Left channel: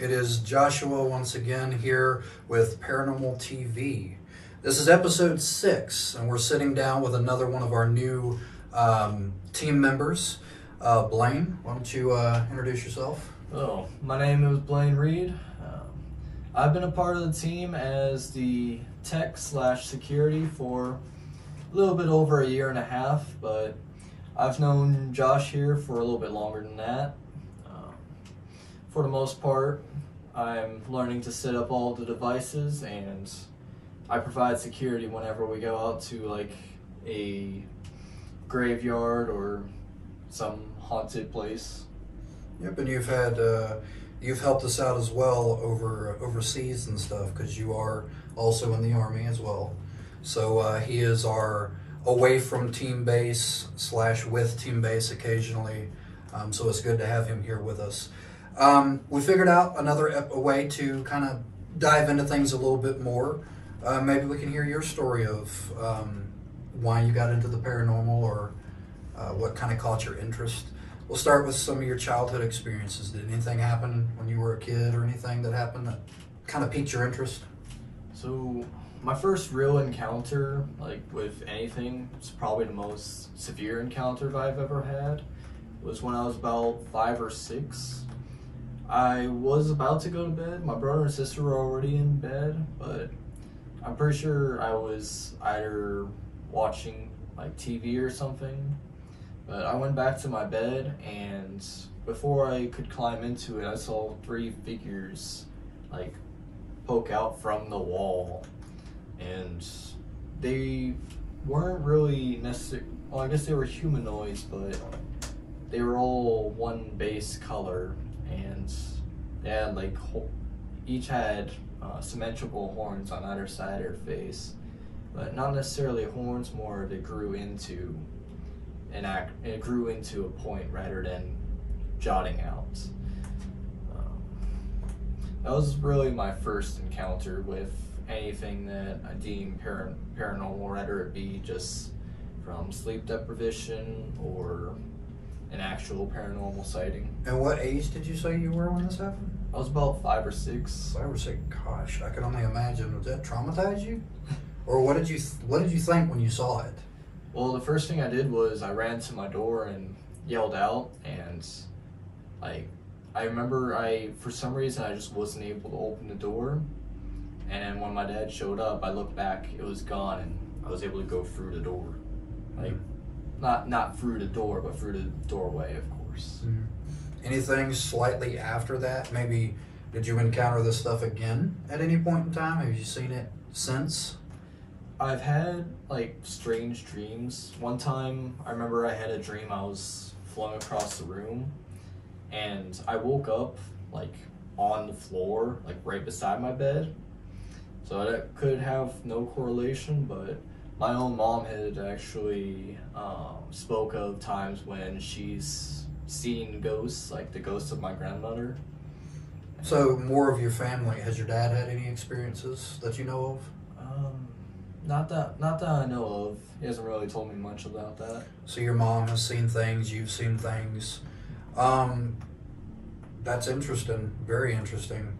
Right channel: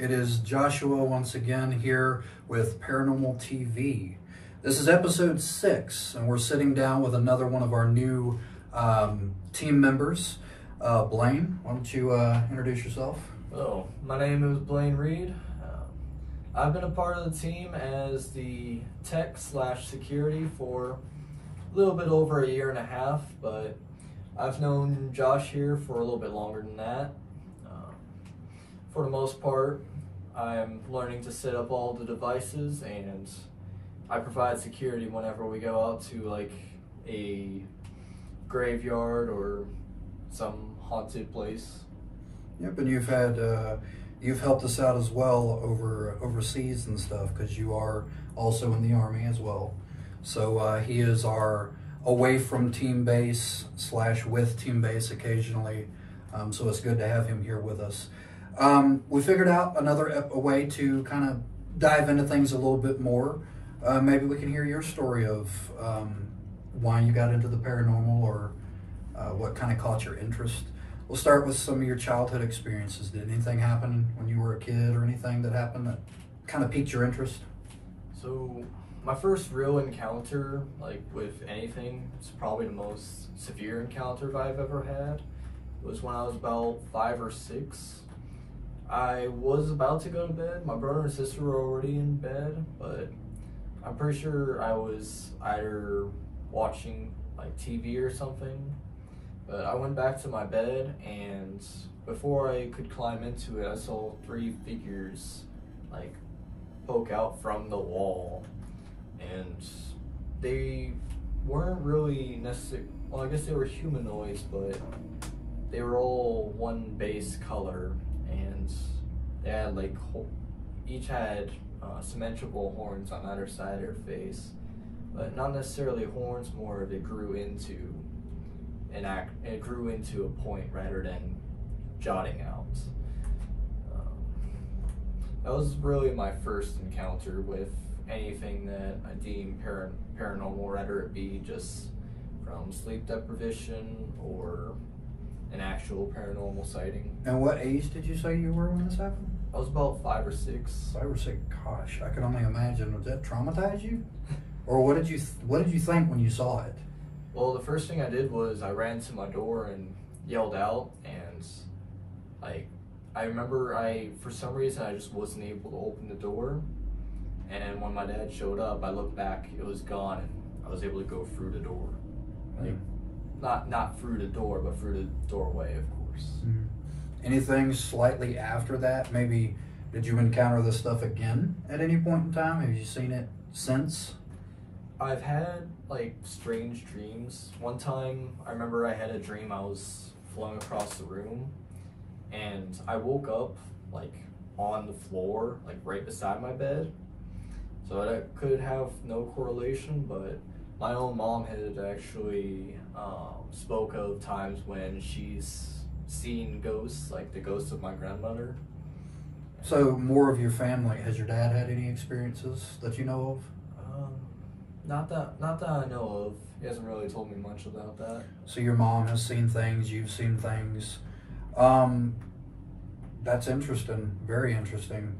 It is Joshua once again here with Paranormal TV. This is episode 6, and we're sitting down with another one of our new team members. Blaine, why don't you introduce yourself? Oh, my name is Blaine Reed. I've been a part of the team as the tech/security for a little bit over a year and a half, but I've known Josh here for a little bit longer than that. For the most part, I'm learning to set up all the devices, and I provide security whenever we go out to like a graveyard or some haunted place. Yep, and you've helped us out as well overseas and stuff, because you are also in the Army as well. So he is our away from team base / with team base occasionally. So it's good to have him here with us. We figured out a way to kind of dive into things a little bit more. Maybe we can hear your story of why you got into the paranormal, or what kind of caught your interest. We'll start with some of your childhood experiences. Did anything happen when you were a kid, or anything that happened that kind of piqued your interest? So my first real encounter, like with anything, it's probably the most severe encounter I've ever had, was when I was about 5 or 6. I was about to go to bed. My brother and sister were already in bed, but I'm pretty sure I was either watching like TV or something. But I went back to my bed, and before I could climb into it, I saw 3 figures like poke out from the wall, and they weren't really necessarily, well, I guess they were humanoids, but they were all one base color, and they had like each had symmetrical horns on either side of their face, but not necessarily horns, more they grew into it grew into a point rather than jutting out. That was really my first encounter with anything that I deem paranormal, whether it be just from sleep deprivation or an actual paranormal sighting. And what age did you say you were when this happened? I was about 5 or 6. 5 or 6. Gosh, I could only imagine. Did that traumatize you, or what did you think when you saw it? Well, the first thing I did was I ran to my door and yelled out, and like I remember for some reason I just wasn't able to open the door, and when my dad showed up, I looked back, it was gone, and I was able to go through the door. Like not through the door, but through the doorway, of course. Mm-hmm. Anything slightly after that? Maybe did you encounter this stuff again at any point in time? Have you seen it since? I've had like strange dreams. One time I remember I had a dream I was flung across the room, and I woke up like on the floor, like right beside my bed. So that could have no correlation, but my own mom had actually spoke of times when she's seen ghosts, like the ghost of my grandmother. So more of your family, has your dad had any experiences that you know of? Not that I know of. He hasn't really told me much about that. So your mom has seen things, you've seen things. That's interesting, very interesting.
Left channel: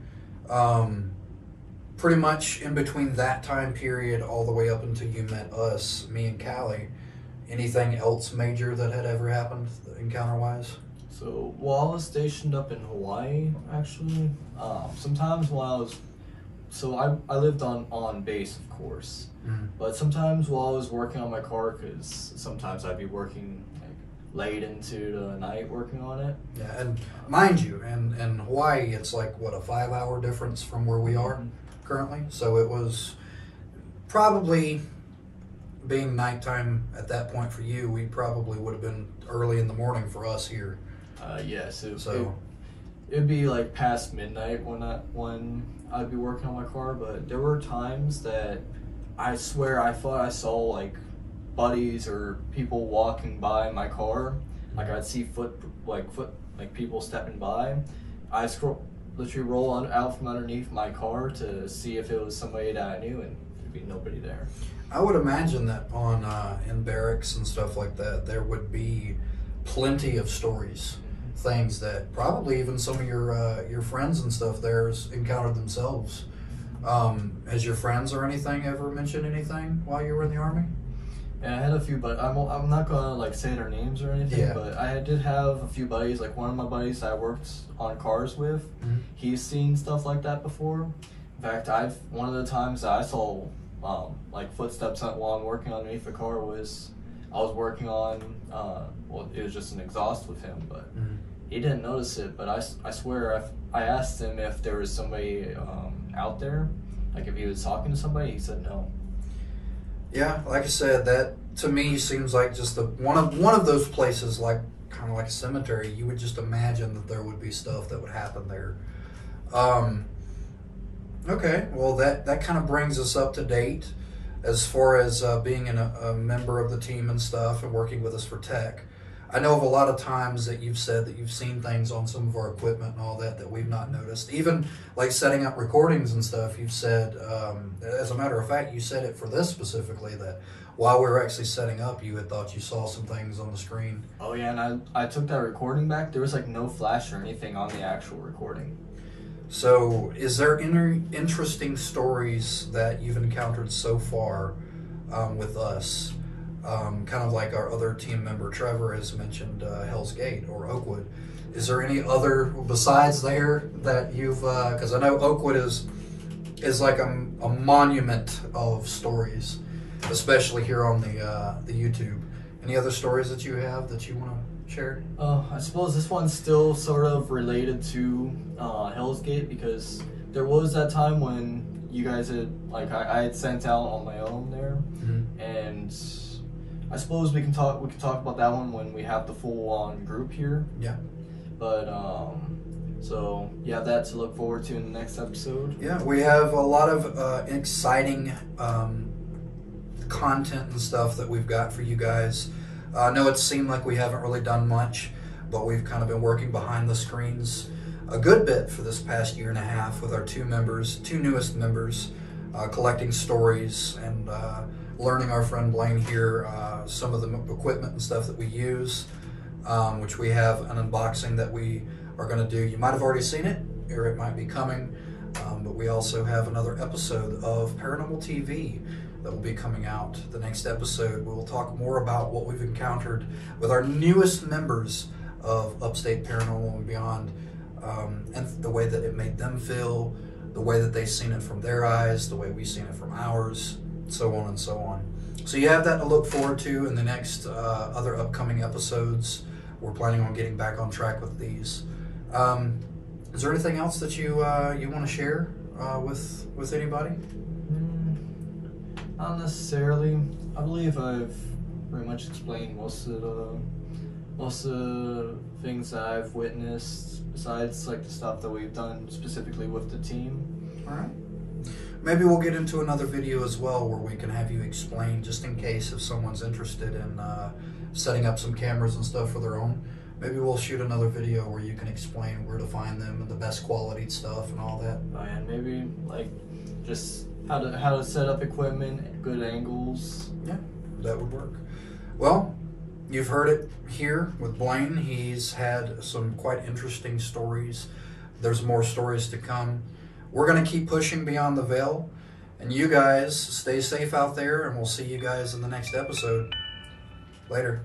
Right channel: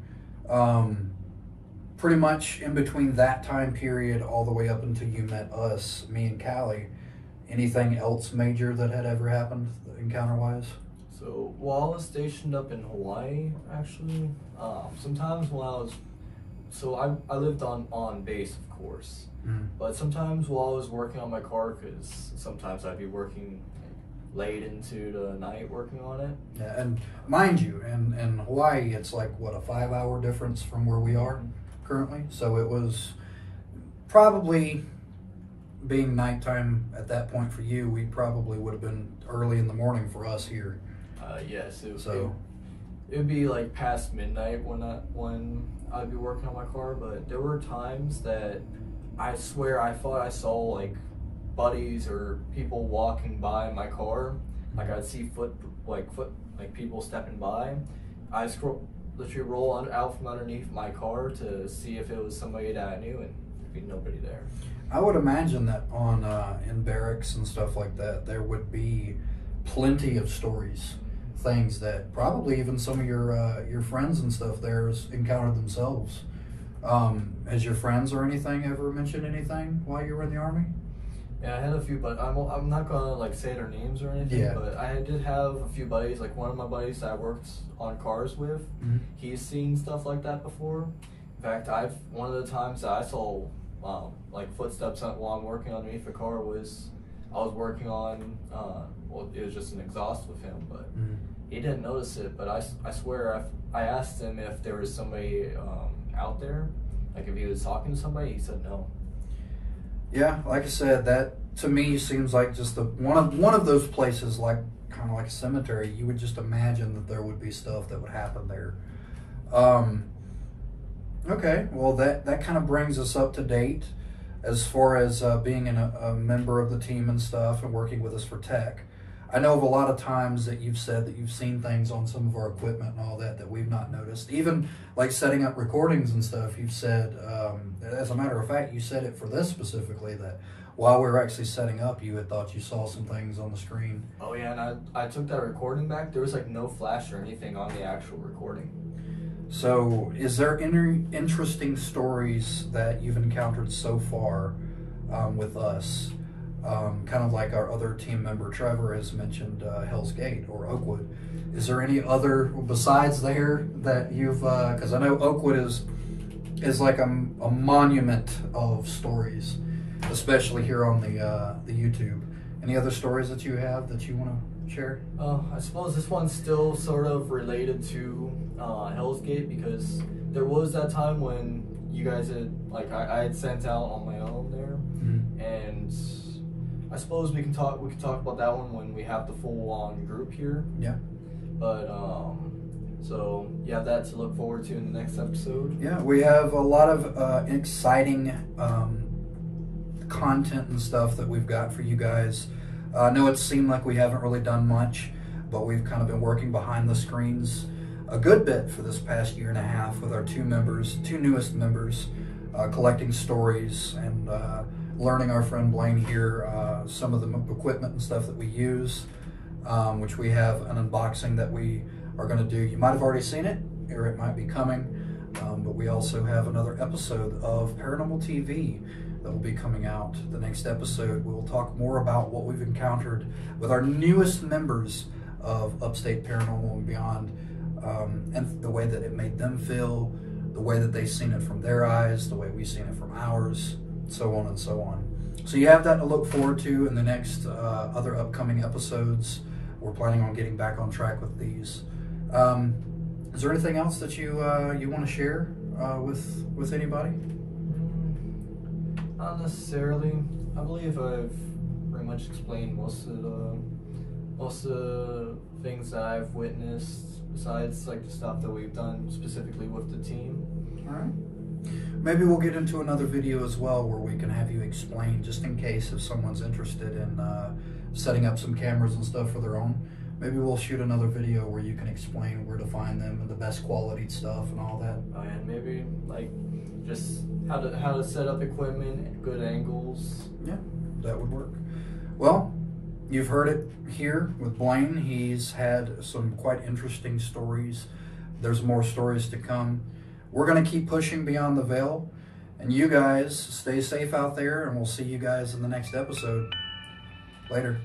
Pretty much in between that time period all the way up until you met us, me and Callie, anything else major that had ever happened encounter-wise? So while I was stationed up in Hawaii, actually, sometimes while I lived on base, of course. Mm-hmm. But sometimes while I was working on my car, because sometimes I'd be working like late into the night working on it. Yeah, and mind you, in Hawaii, it's like, what, a 5-hour difference from where we are currently? So it was probably, being nighttime at that point for you, we probably would have been early in the morning for us here. Yes, it'd be like past midnight when I'd be working on my car, but there were times that I swear I thought I saw like buddies or people walking by my car. Like I'd see people stepping by. I literally roll out from underneath my car to see if it was somebody that I knew, and there'd be nobody there. I would imagine that in barracks and stuff like that, there would be plenty of stories. things that probably even some of your friends and stuff there's encountered themselves. Has your friends or anything ever mentioned anything while you were in the Army? Yeah, I had a few, but I'm not gonna like say their names or anything. Yeah. But I did have a few buddies. Like one of my buddies I worked on cars with, he's seen stuff like that before. In fact, one of the times that I saw like footsteps while I'm working underneath the car was I was working on well, it was just an exhaust with him, but he didn't notice it. But I swear I asked him if there was somebody out there, like if he was talking to somebody. He said no. Yeah, like I said, that to me seems like just one of those places, like kind of like a cemetery. You would just imagine that there would be stuff that would happen there. Okay, well that kind of brings us up to date as far as being a member of the team and stuff and working with us for tech. I know of a lot of times that you've said that you've seen things on some of our equipment and all that we've not noticed. Even like setting up recordings and stuff, you've said, as a matter of fact, you said it for this specifically, that while we were actually setting up, you had thought you saw some things on the screen. Oh yeah, and I took that recording back. There was like no flash or anything on the actual recording. So is there any interesting stories that you've encountered so far with us? Kind of like our other team member Trevor has mentioned Hell's Gate or Oakwood. Is there any other besides there that you've? Because I know Oakwood is like a monument of stories, especially here on the YouTube. Any other stories that you have that you want to share? I suppose this one's still sort of related to Hell's Gate, because there was that time when you guys had like I had sent out on my own there, and I suppose we can talk about that one when we have the full-on group here. Yeah. But so you have that to look forward to in the next episode. Yeah, we have a lot of exciting content and stuff that we've got for you guys. I know it seemed like we haven't really done much, but we've kind of been working behind the screens a good bit for this past year and a half with our two newest members, collecting stories and learning our friend Blaine here some of the equipment and stuff that we use, which we have an unboxing that we are going to do. You might have already seen it, or it might be coming, but we also have another episode of Paranormal TV that will be coming out. The next episode, we will talk more about what we've encountered with our newest members of Upstate Paranormal and Beyond, and the way that it made them feel, the way that they've seen it from their eyes, the way we've seen it from ours, so on and so on. So you have that to look forward to in the next other upcoming episodes. We're planning on getting back on track with these. Is there anything else that you want to share with anybody? Not necessarily. I believe I've pretty much explained most of the things that I've witnessed, besides like the stuff that we've done specifically with the team. All right. Maybe we'll get into another video as well where we can have you explain, just in case if someone's interested in setting up some cameras and stuff for their own. Maybe we'll shoot another video where you can explain where to find them and the best quality stuff and all that. Oh yeah, maybe like just how to set up equipment, good angles. Yeah, that would work. Well, you've heard it here with Blaine. He's had some quite interesting stories. There's more stories to come. We're going to keep pushing beyond the veil. And you guys stay safe out there, and we'll see you guys in the next episode. Later.